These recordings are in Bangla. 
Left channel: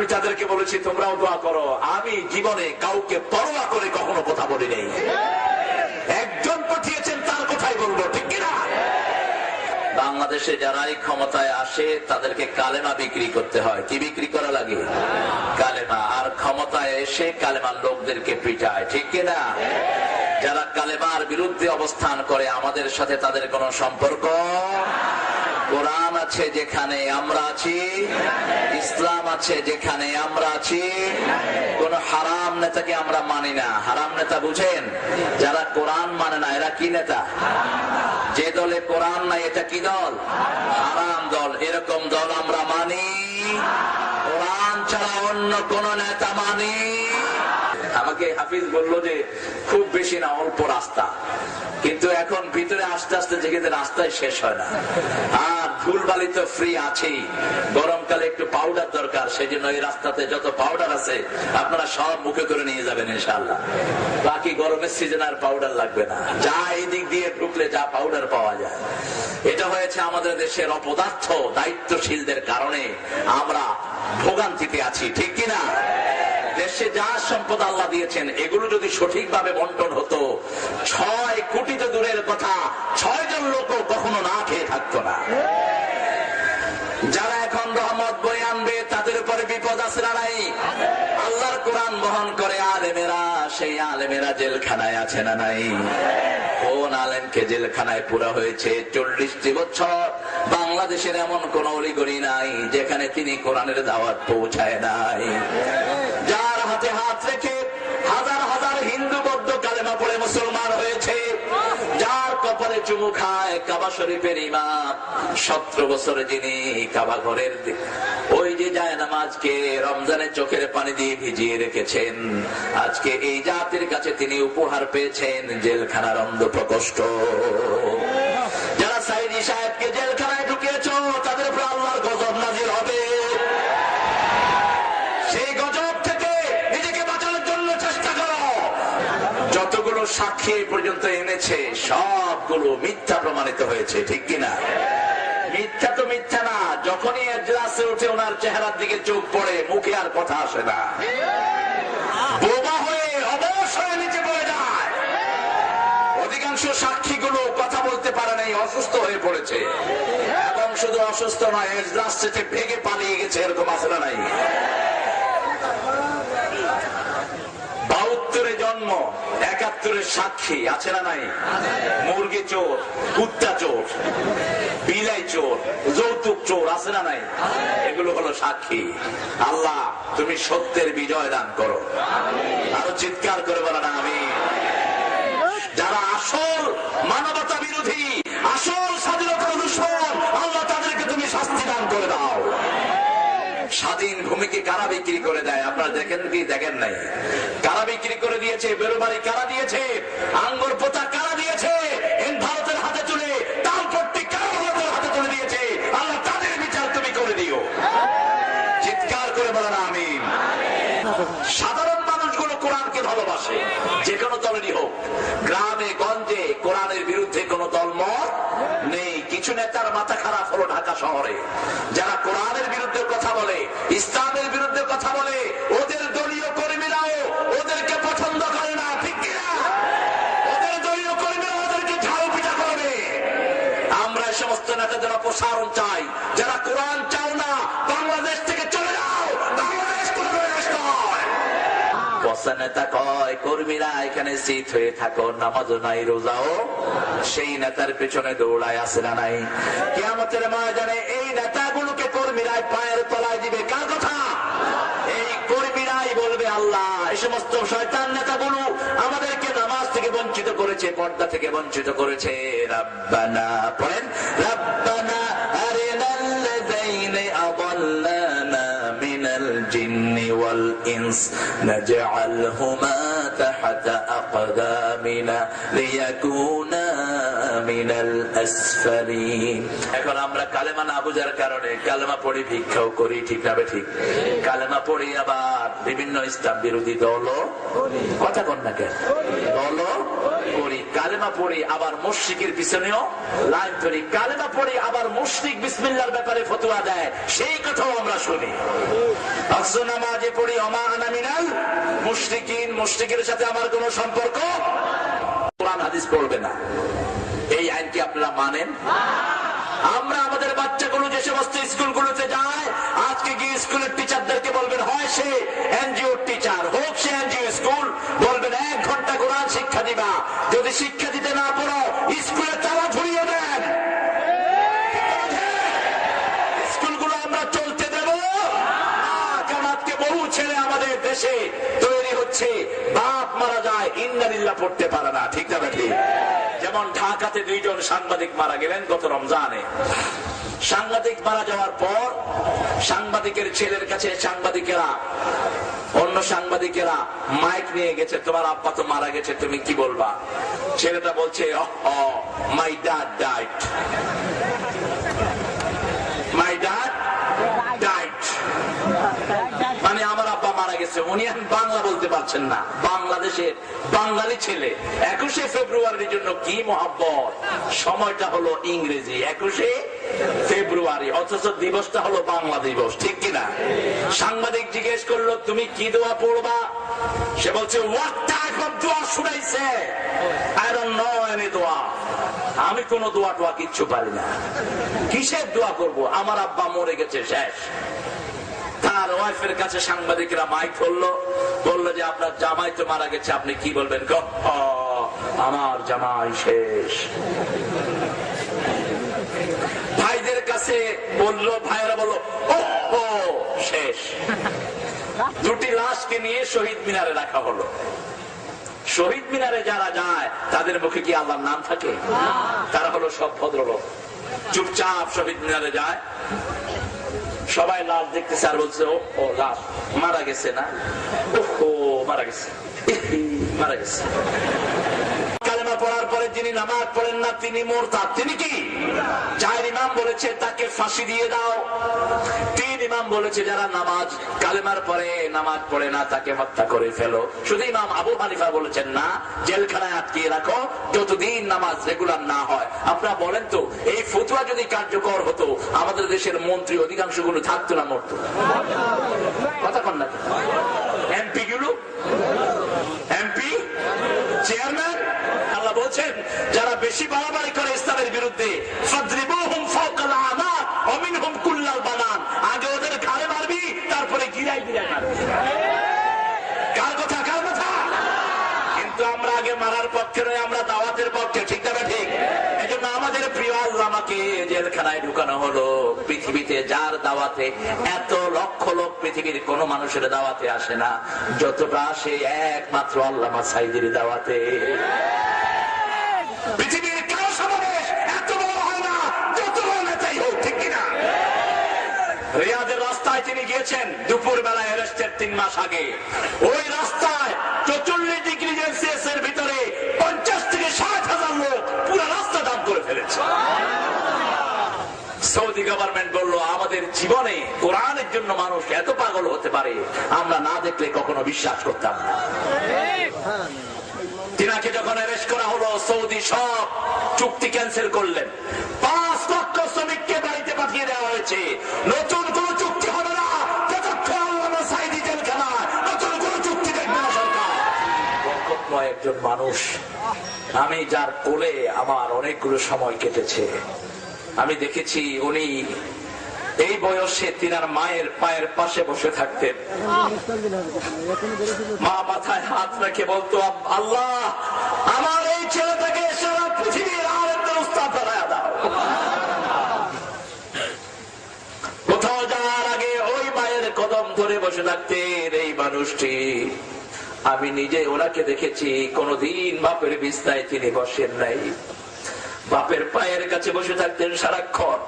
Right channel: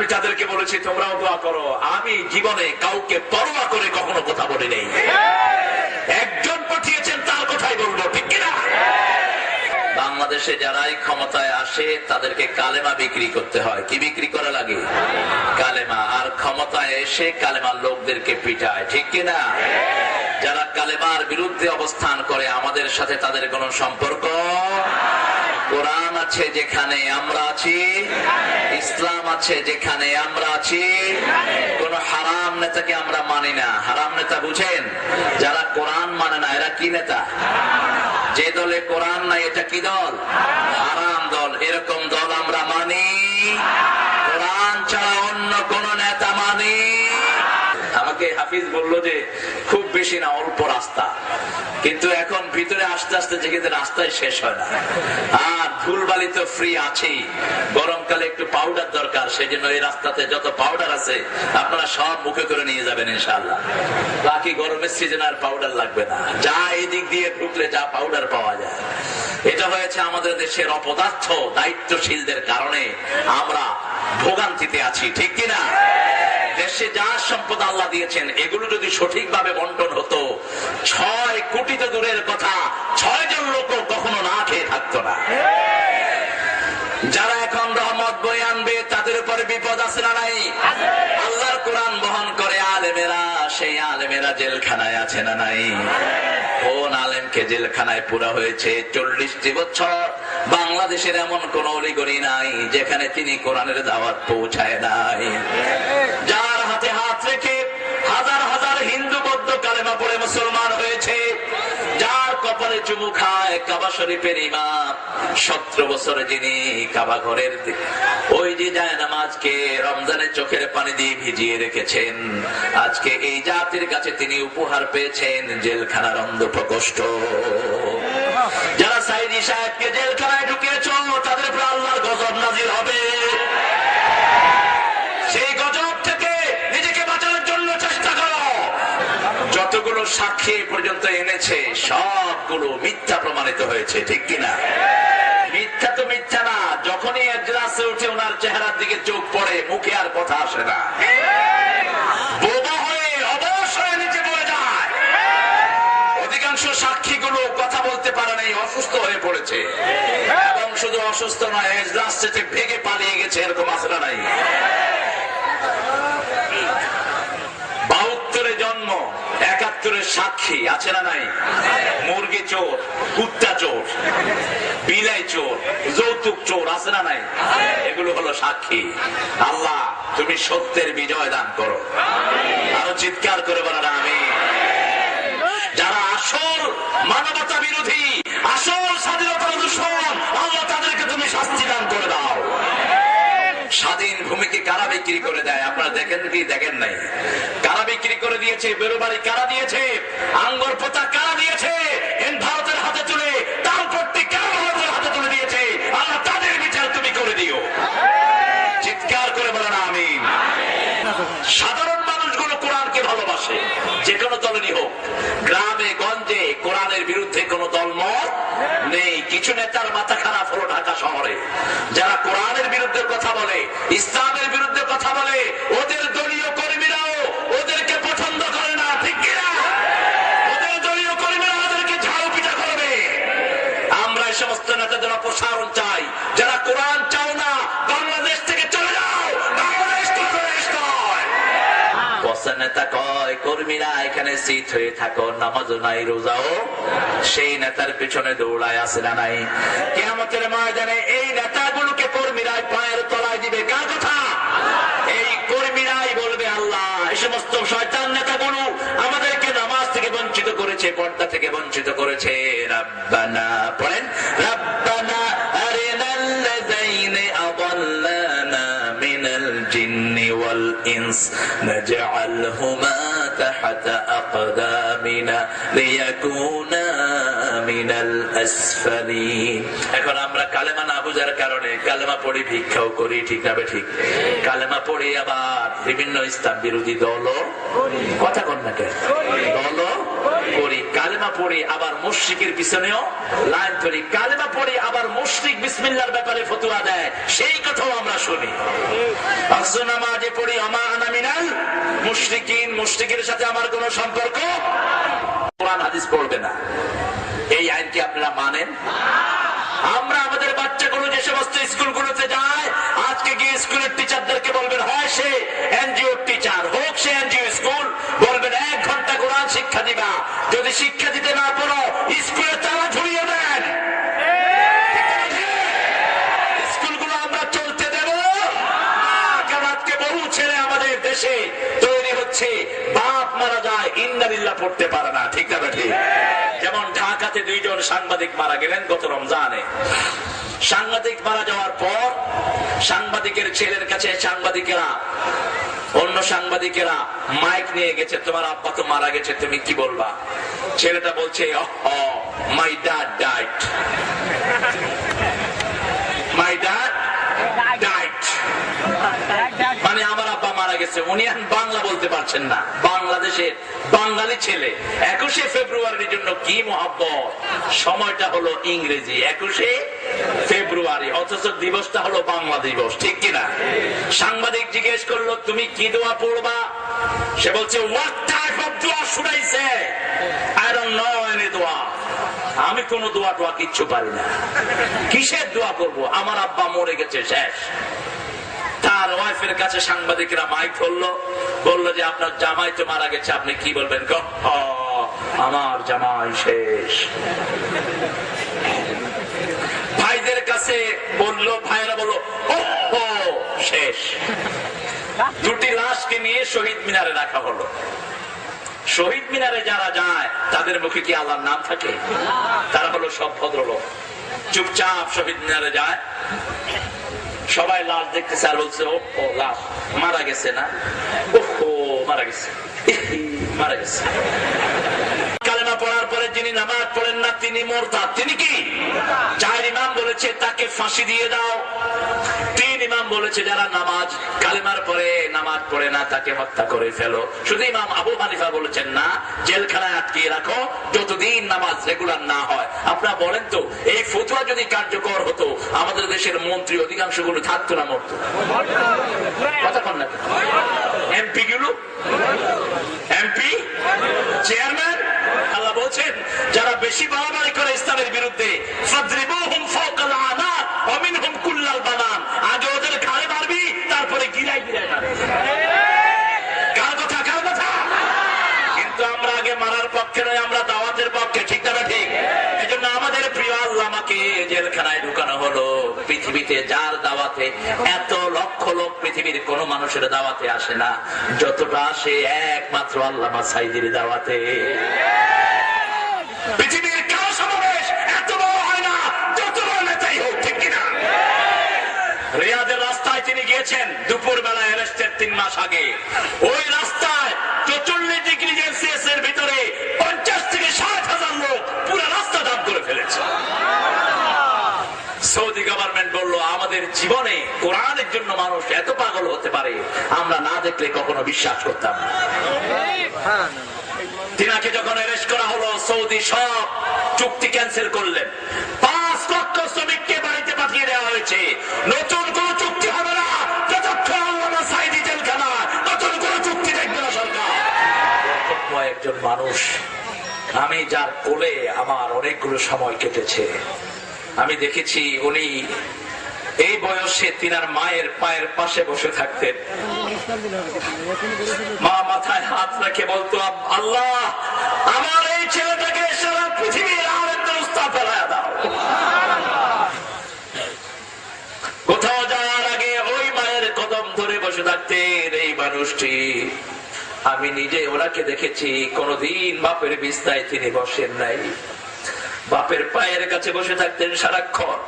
আমি তাদেরকে বলেছি তোমরাও দোয়া করো। আমি জীবনে কাউকে পরোয়া করে কখনো কথা বলি নাই। একজন পাঠিয়েছেন তার কথাই বলবো, ঠিক কিনা? বাংলাদেশে যারাই ক্ষমতায় আসে তাদেরকে কালেমা বিক্রি করতে হয়। কি বিক্রি করা লাগে? কালেমা। আর ক্ষমতায় এসে কালেমার লোকদেরকে পিটায়, ঠিক কিনা? যারা কালেমার বিরুদ্ধে অবস্থান করে আমাদের সাথে তাদের কোনো সম্পর্ক। কোরআন আছে যেখানে আমরা আছি, ইসলাম আছে যেখানে আমরা আছি। কোন হারাম নেতাকে আমরা মানি না। হারাম নেতা বুঝেন? যারা কোরআন মানে না এরা কি নেতা? যে দলে কোরআন নাই এটা কি দল? হারাম দল। এরকম দল আমরা মানি। কোরআন ছাড়া অন্য কোন নেতা মানি। আমাকে হাফিজ বলল যে খুব বেশি না, অল্প রাস্তা, কিন্তু এখন ভিতরে আস্তে আস্তে যেখানে রাস্তায় শেষ হয় না। আর ধুলবালি তো ফ্রি আছেই, গরমকালে একটু পাউডার দরকার, সেই জন্য এই রাস্তাতে যত পাউডার আছে আপনারা সব মুখে করে নিয়ে যাবেন ইনশাআল্লাহ। বাকি গরমের সিজন আর পাউডার লাগবে না। যা এই দিক দিয়ে ঢুকলে যা পাউডার পাওয়া যায়। এটা হয়েছে আমাদের দেশের অপদার্থ দায়িত্বশীলদের কারণে আমরা ভোগান্তিতে আছি, ঠিক কিনা? দেশে যা সম্পদ আল্লাহ দিয়েছেন এগুলো যদি সঠিকভাবে বন্টন হতো, 6 কোটি তো দূরের কথা, 6 জন লোক কখনো না খেয়ে থাকতো না। যারা এখন রহমত বয়ে আনবে তাদের উপরে বিপদ আছে না নাই? আল্লাহর কোরআন বহন করে আলেমেরা, সেই আলেমেরা জেলখানায় আছে না নাই? কোন আলেমকে জেলখানায় পুরা হয়েছে 40টি বছর? বাংলাদেশের এমন কোন অলিগলি নাই যেখানে তিনি কোরআনের দাওয়াত পৌঁছায় নাই। যার হাতে হাত রেখে হাজার হাজার হিন্দু বৌদ্ধ কালেমা পড়ে মুসলমান হয়েছে, যার কপালে চুমু খায় কাবা শরীফের ইমাম, 17 বছরে যিনি কাবা ঘরের ওই যে জায়নামাজকে রমজানে চোখের পানি দিয়ে ভিজিয়ে রেখেছেন, আজকে এই জাতির কাছে তিনি উপহার পেয়েছেন জেলখানার অন্ধ প্রকোষ্ঠ। যারা সাইদি সাহেবকে জেলখানায় ঢুকিয়েছ তাদের উপর আল্লাহর গজব নাজিল হবে। সেই গজব থেকে নিজেকে বাঁচানোর জন্য চেষ্টা করো। যতগুলো সাক্ষী পর্যন্ত এনেছে সবগুলো মিথ্যা প্রমাণিত হয়েছে, ঠিক কিনা? মিথ্যা তো মিথ্যা না, যখনই এজলাসে উঠে ওনার চেহারার দিকে চোখ পড়ে মুখে আর কথা আসে না, বোবা হয়ে অবশ্যই নিচে পড়ে যায়। অধিকাংশ সাক্ষীগুলো কথা বলতে পারে নাই, অসুস্থ হয়ে পড়েছে। এবং শুধু অসুস্থ নয়, এজলাস থেকে ভেগে পালিয়ে গেছে, এরকম আছে না নাই? 72 জন্ম, 71 সাক্ষী আছে না নাই? মুরগি চোর, কুত্তা চোর, বিলাই চোর, যৌতুক চোর আছে না নাই? এগুলো হলো সাক্ষী। আল্লাহ তুমি সত্যের বিজয় দান করো। আরো চিৎকার করে বলো না আমি। যারা আসল মানবতা বিরোধী, আসল স্বাধীনতার দুশমন, আল্লাহ তাদেরকে তুমি শাস্তি দান করে দাও। স্বাধীন ভূমিকে কারা বিক্রি করে দেয় আপনারা দেখেন কি? দেখেন নাই? কারা বিক্রি করে দিয়েছে? বেরোবাড়ি কারা দিয়েছে? আঙ্গুর পোতা কারা দিয়েছে? ভারতের হাতে তুলে তার প্রত্যেক কারা ভারতের হাতে তুলে দিয়েছে? আল্লাহ তাদের বিচার তুমি করে দিও। চিৎকার করে বলেন আমিন। সাধারণ মানুষগুলো কোরআনকে ভালোবাসে, যে কোনো দলেরই হোক। গ্রামে গঞ্জে কোরআনের বিরুদ্ধে কোনো দলমত নেই। কিছু নেতার মাথা খারাপ হলো ঢাকা শহরে, যারা কোরআনের বিরুদ্ধে কথা বলে, ইসলামের বিরুদ্ধে কথা বলে, ওদের দলীয় কর্মীরাও ওদেরকে পছন্দ করে না, ঠিক কিনা? ওদের দলীয় কর্মীরা ওদেরকে ঝাড়ু পিটা করবে। আমরা এই সমস্ত নেতাদের অপসারণ চাই। যারা কোরআন চাও না, বাংলাদেশ থেকে চলে যাও। বাংলাদেশ কোনো দেশ নয়। বসা নেতা কয় কর্মীরা এখানে সিট হয়ে থাকো, নামাজও নাই রোজাও সেই নেতার পেছনে দৌড়ায় আসে না নাই? কিয়ামতের ময়দানে এই নেতাগুলোকে কর্মীরাই পায়ের তলায় দিবে। কার কথা? এই কর্মীরাই বলবে আল্লাহ এই সমস্ত শয়তান নেতাগুলো আমাদেরকে নামাজ থেকে বঞ্চিত করেছে, পর্দা থেকে বঞ্চিত করেছে। রাব্বানা পড়েন, রাব্বানা আরিনাল্লাযাইনি আদাল্লানা মিনাল জিন্নি ওয়াল ইনস নাজআলহুমা তাহতা আকদামিনা লিয়াকুনা মিনাল আসফালিন। এখন আমরা কালেমা না বুঝার কারণে কালেমা পড়ি, ভিক্ষাও করি, ঠিক না ঠিক? কালেমা পড়ি আবার বিভিন্ন ইসলাম বিরোধী দল কথা কন না কেন? দল করি, কালেমা পড়ি আবার মুশরিকের পিছনেও লাইন ধরি, কালেমা পড়ি আবার মুশরিক বিসমিল্লাহর ব্যাপারে ফতোয়া দেয়, সেই কথাও আমরা শুনি। আসর নামাজে পড়ি ওমা আনা মিনাল মুশরিকিন, মুশরিকের সাথে আমার কোনো সম্পর্ক, কোরআন হাদিস পড়বে না। এই আইন কি আপনারা মানেন? আমরা আমাদের বাচ্চাগুলো যে সমস্ত স্কুলগুলোতে যায়, আজকে গিয়ে স্কুলের টিচারদেরকে বলবেন, হয় সে এনজিও টিচার হোক, সে এনজিও স্কুল, বলবেন 1 ঘন্টা কোরআন শিক্ষা দিবা, যদি শিক্ষা দিতে না পারো স্কুলে তালা ঝুলিয়ে দেন। স্কুলগুলো আমরা চলতে দেব কারণ আজকে বহু ছেলে আমাদের দেশে তৈরি হচ্ছে, বাপ মারা যায় ইন্নালিল্লাহ পড়তে পারে না, ঠিক না ঠিক? যেমন ঢাকাতে 2 জন সাংবাদিক মারা গেলেন গত রমজানে। সাংবাদিক মারা যাওয়ার পর সাংবাদিকের ছেলের কাছে অন্য সাংবাদিকেরা মাইক নিয়ে গেছে, তোমার আব্বা তো মারা গেছে, তুমি কি বলবা? ছেলেটা বলছে, my dad died, my dad died, মানে আমার আব্বা মারা গেছে। উনি এখন বাংলা বলতে পারছেন না, বাংলাদেশের বাঙালি ছেলে। 21শে ফেব্রুয়ারির জন্য কি মহব্বত, সময়টা হলো ইংরেজি 21শে ফেব্রুয়ারি, অথচ দিবসটা হলো বাংলা দিবস, ঠিক কিনা? সাংবাদিক জিজ্ঞেস করলো, তুমি কি দোয়া পড়বা? সে বলছে, হোয়াট টাইপ অফ দোয়া should I say? I don't know any দোয়া, আমি কোন দোয়া টোয়া কিচ্ছু পারি না। কিসের দোয়া করব? আমার আব্বা মরে গেছে, শেষ। তার ওয়াইফের কাছে সাংবাদিকরা মাইক ধরলো, বললো যে আপনার জামাই তো মারা গেছে, আপনি কি বলবেন? আমার জামাই শেষ। ভাইদের কাছে বললো, ভাইয়েরা বললো ও শেষ। 2টি লাশকে নিয়ে শহীদ মিনারে রাখা হলো। শহীদ মিনারে যারা যায় তাদের মুখে কি আল্লাহর নাম থাকে? তারা হলো সব ভদ্রলোক, চুপচাপ শহীদ মিনারে যায়, সবাই লাশ দেখতেছে আর বলছে, ও লাশ মারা গেছে না, মারা গেছে, মারা গেছে। কালেমা পড়ার পরে যিনি নামাজ পড়েন না তিনি মুরতাদ। তিনি কি? 4 ইমাম বলেছে তাকে ফাঁসি দিয়ে দাও। 3 ইমাম বলেছে যারা কালেমার পরে নামাজ পড়ে না তাকে হত্যা করে ফেলো। শুধু ইমাম আবু হানিফা বলেছেন না, জেলখানায় আটকিয়ে রাখো যতদিন নামাজ রেগুলার না হয়। আপনারা বলেন তো, এই ফতোয়া যদি কার্যকর হতো, আমাদের দেশের মন্ত্রী অধিকাংশ গুলো থাকতো না, মরতো? কথা কন না? এমপি গুলো, এমপি চেয়ারম্যান, আল্লাহ বলছেন যারা বেশি বাড়াবাড়ি করে ইসলামের বিরুদ্ধে, ফাদরিবুহুম ফাওকাল আনাক ওয়া মিনহুম কুল্লাল বানান, আগে ওদের ঘাড়ে মারবি, তারপরে গিরায় গিরায় মারবি। কার কথা? কার কথা? কিন্তু আমরা আগে মারার পক্ষে নয়, আমরা দাওয়াতের পক্ষে, ঠিক না ঠিক? এজন্য আমাদের প্রিয় আল্লামাকে জেলখানায় ঢুকানো হলো। পৃথিবীতে যার দাওয়াতে এত লক্ষ লোক পৃথিবীর কোন মানুষের দাওয়াতে আসে না যতটা আসে একমাত্র আল্লামা সাঈদীর দাওয়াতে। পৃথিবীর কারো সমাবেশ এত বড় হয় না, যত বড় নেতাই হোক, ঠিক কিনা? রিয়াদের রাস্তায় তিনি গিয়েছেন দুপুর বেলায়, অ্যারেস্টের 3 মাস আগে। ওই রাস্তায় 44 ডিগ্রি সেলসিয়াস এর ভিতরে 50 থেকে 60,000 লোক পুরো রাস্তা জাম করে ফেলেছে। সৌদি গভর্নমেন্ট বলল, আমাদের জীবনে কোরআনের জন্য মানুষ এত পাগল হতে পারে আমরা না দেখলে কখনো বিশ্বাস করতাম না। তিনাকে যখন অ্যারেস্ট করা হলো, সৌদি সব চুক্তি ক্যান্সেল করলেন। 5 লক্ষ শ্রমিককে বাড়িতে পাঠিয়ে দেওয়া হয়েছে। নতুন কোন চুক্তি হবে না যতক্ষণ আল্লামা সাঈদী জেলখানায়, নতুন কোন চুক্তি দেখবে না সরকার। একজন মানুষ, আমি যার কোলে আমার অনেকগুলো সময় কেটেছে, আমি দেখেছি উনি এই বয়সে তিনার মায়ের পায়ের পাশে বসে থাকতেন। মা মাথায় হাত রেখে বলতো, আল্লাহ আমার এই ছেলেটাকে সারা পৃথিবীর আরেকটা উস্তাদ ফেলায় দাও। কোথাও যাওয়ার আগে ওই মায়ের কদম ধরে বসে থাকতেন এই মানুষটি। আমি নিজে ওনাকে দেখেছি, কোনদিন বাপের বিছানায় তিনি বসেন নাই, বাপের পায়ের কাছে বসে থাকতেন সারাক্ষণ।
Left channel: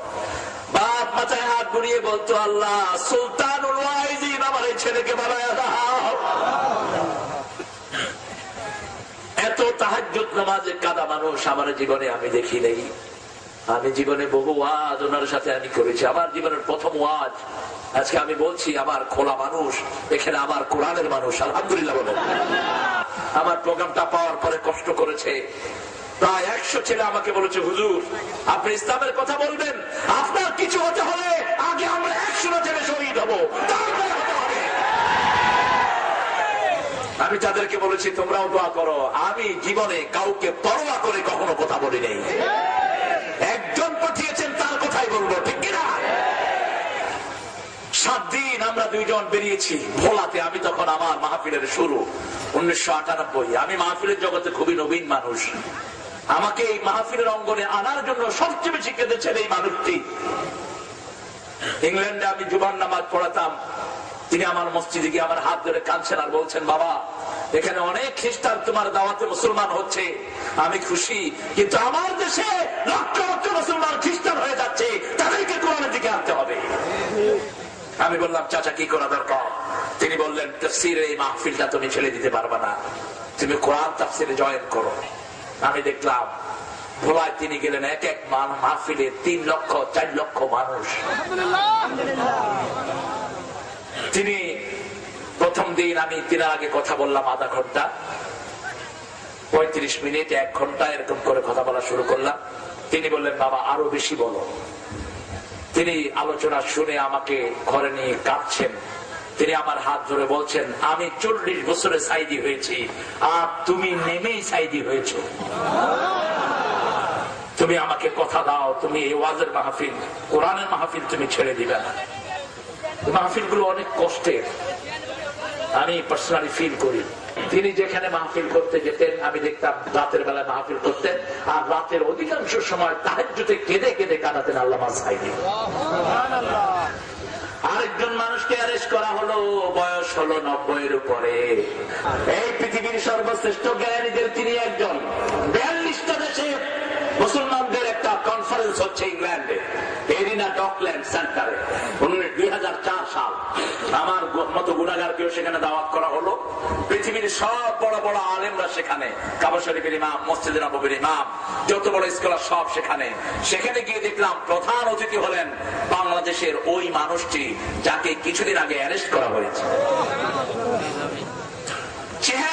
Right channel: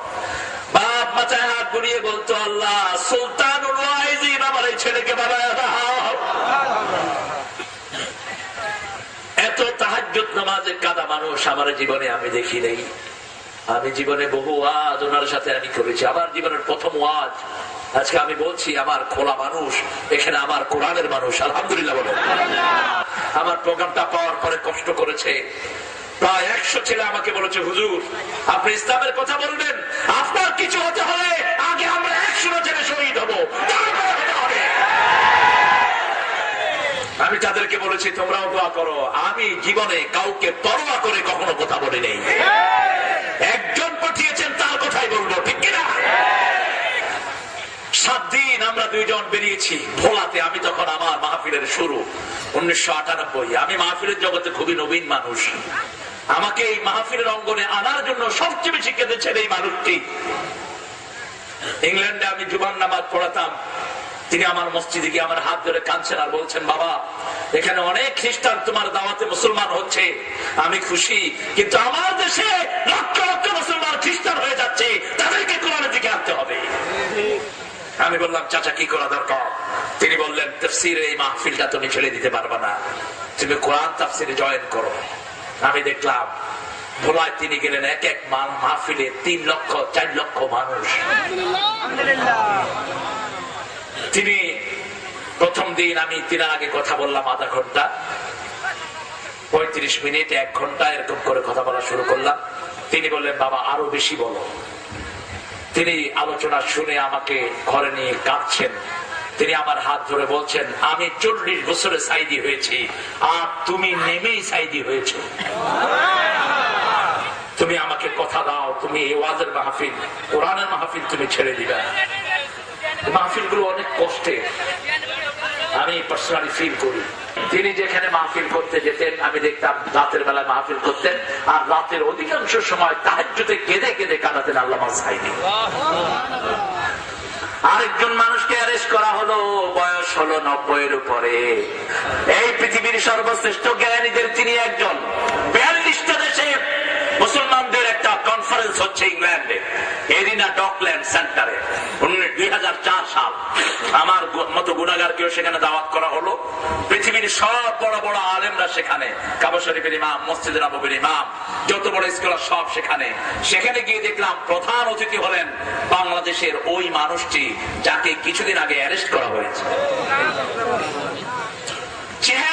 বাপ মাথায় হাত বুলিয়ে বলতো, আল্লাহ সুলতানুল ওয়াইজিন আমার এই ছেলেকে বানায় দাও। এত তাহাজ্জুদ নামাজে কাদা মানুষ আমার জীবনে আমি দেখি নেই। আমি জীবনে বহু ওয়াজ ওনার সাথে আমি করেছি। আমার জীবনের প্রথম ওয়াজ আজকে আমি বলছি, আমার খোলা মানুষ, এখানে আমার কোরআনের মানুষ, আলহামদুলিল্লাহ বলো। আমার প্রোগ্রামটা পাওয়ার পরে কষ্ট করেছে। প্রায় 100 ছেলে আমাকে বলেছে, হুজুর আপনি ইসলামের কথা বলবেন, আপনার কিছু হতে হলে আগে আমরা 100 ছেলে শহীদ হবো, তারপরে হতে হবে। আমি তাদেরকে বলেছি তোমরাও দোয়া করো। আমি জীবনে কাউকে পরোয়া করে কখনো কথা বলি নাই। একজন পাঠিয়েছেন তার কথাই বলবো, ঠিক কিনা? 7 দিন আমরা 2 জন বেরিয়েছি ভোলাতে। আমি তখন আমার মাহফিলের শুরু 1998। আমি মাহফিলের জগতে খুবই নবীন মানুষ। আমাকে এই মাহফিলের অঙ্গনে আনার জন্য সবচেয়ে বেশি কেঁদেছেন এই মানুষটি। ইংল্যান্ডে আমি জুমার নামাজ পড়াতাম, তিনি আমার মসজিদে গিয়ে আমার হাত ধরে কাঁদছেন আর বলছেন, বাবা এখানে অনেক খ্রিস্টান তোমার দাওয়াতে মুসলমান হচ্ছে, আমি খুশি, কিন্তু আমার দেশে লক্ষ লক্ষ মুসলমান খ্রিস্টান হয়ে যাচ্ছে, তাদেরকে কোরআনের দিকে আনতে হবে। আমি বললাম, চাচা কি করা দরকার? তিনি বললেন, তাফসীরের এই মাহফিলটা তুমি ছেড়ে দিতে পারবে না, তুমি কোরআন তাফসীরে জয়েন করো। আমি দেখলাম ভোলায় তিনি গেলেন, এক এক মাহফিলে 3 লক্ষ 4 লক্ষ মানুষ। তিনি প্রথম দিন আমি তিনার আগে কথা বললাম আধা ঘন্টা, 35 মিনিট, 1 ঘন্টা এরকম করে কথা বলা শুরু করলাম। তিনি বললেন, বাবা আরো বেশি বলো। তিনি আলোচনা শুনে আমাকে ঘরে নিয়ে কাঁদছেন। তিনি আমার হাত ধরে বলছেন, আমি 40 বছরে সাইদি হয়েছি, আর তুমি নেমেই সাইদি হয়েছো। তুমি আমাকে কথা দাও, তুমি এই ওয়াজের মাহফিল, কোরআনের মাহফিল তুমি ছেড়ে দিবে না। মাহফিল গুলো অনেক কষ্টের, আমি পার্সোনালি ফিল করি। তিনি যেখানে মাহফিল করতে যেতেন আমি দেখতাম রাতের বেলায় মাহফিল করতেন, আর রাতের অধিকাংশ সময় তাহাজ্জুদে কেঁদে কেঁদে কাঁদাতেন আল্লামা সাইদি। আরেকজন মানুষকে অ্যারেস্ট করা হলো, বয়স হলো 90-এর উপরে। এই পৃথিবীর সর্বশ্রেষ্ঠ জ্ঞানীদের তিনি একজন। 42টা দেশে মুসলমানদের একটা কনফারেন্স হচ্ছে ইংল্যান্ডে, এরিনা ডকল্যান্ড সেন্টারে, 2004 সাল। আমার মতো গুনাহগারকেও সেখানে দাওয়াত করা হলো। পৃথিবীর সব বড় বড় আলেমরা সেখানে, কাবা শরীফের ইমাম, মসজিদে নববীর ইমাম, যত বড় স্কলার সব সেখানে। সেখানে গিয়ে দেখলাম প্রধান অতিথি হলেন বাংলাদেশের ওই মানুষটি যাকে কিছুদিন আগে অ্যারেস্ট করা হয়েছে। চেহারা